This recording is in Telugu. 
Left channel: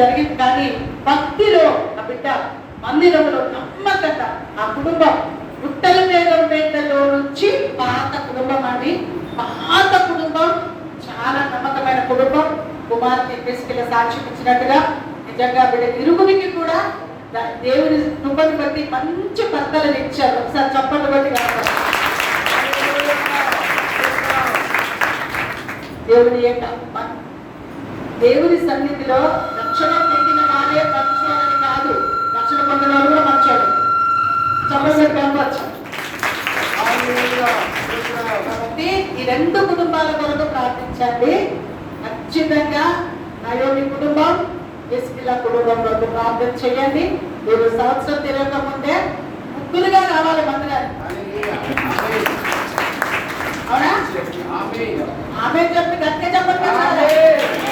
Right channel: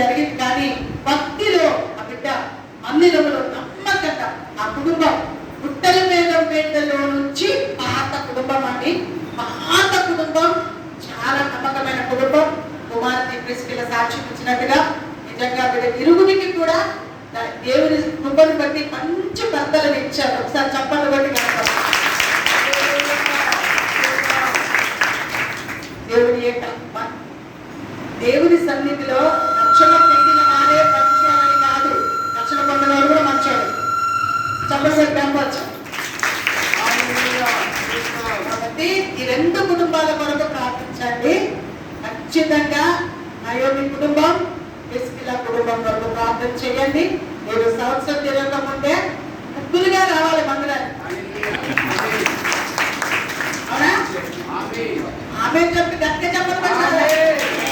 జరిగింది. కానీ భక్తిలో ఆ బిడ్డ మందిరంలో నమ్మకంగా ఆ కుటుంబం గుట్టల మీద పేటలో నుంచి పాత కుటుంబం అని, పాత కుటుంబం చాలా నమ్మకమైన కుటుంబం. కుమార్తె ప్రిస్కిల సాక్ష్యం ఇచ్చినట్టుగా నిజంగా బిడ్డ ఇరుగునికి కూడా దేవుని కృపను బట్టి మంచి భర్తలను ఇచ్చారు. ఒకసారి చెప్పండి బట్టి దేవుని దేవుని సన్నిధిలో రక్షణ పొందిన వారే మంచోడని కాదు, రక్షణ పొందిన వారు కూడా మంచోడు. చెప్పండి కనవచ్చు. కాబట్టి ఈ రెండు కుటుంబాల కొరకు ప్రార్థించండి. ఖచ్చితంగా నయోమి కుటుంబం, ప్రిస్కిల కుటుంబం కొరకు ప్రార్థన చేయండి. మీరు సంవత్సరం తిరగకముందే ముగ్గురుగా రావాలి మందిరానికి. అవునా? ఆమె చెప్పి గట్టిగా చెప్పండి.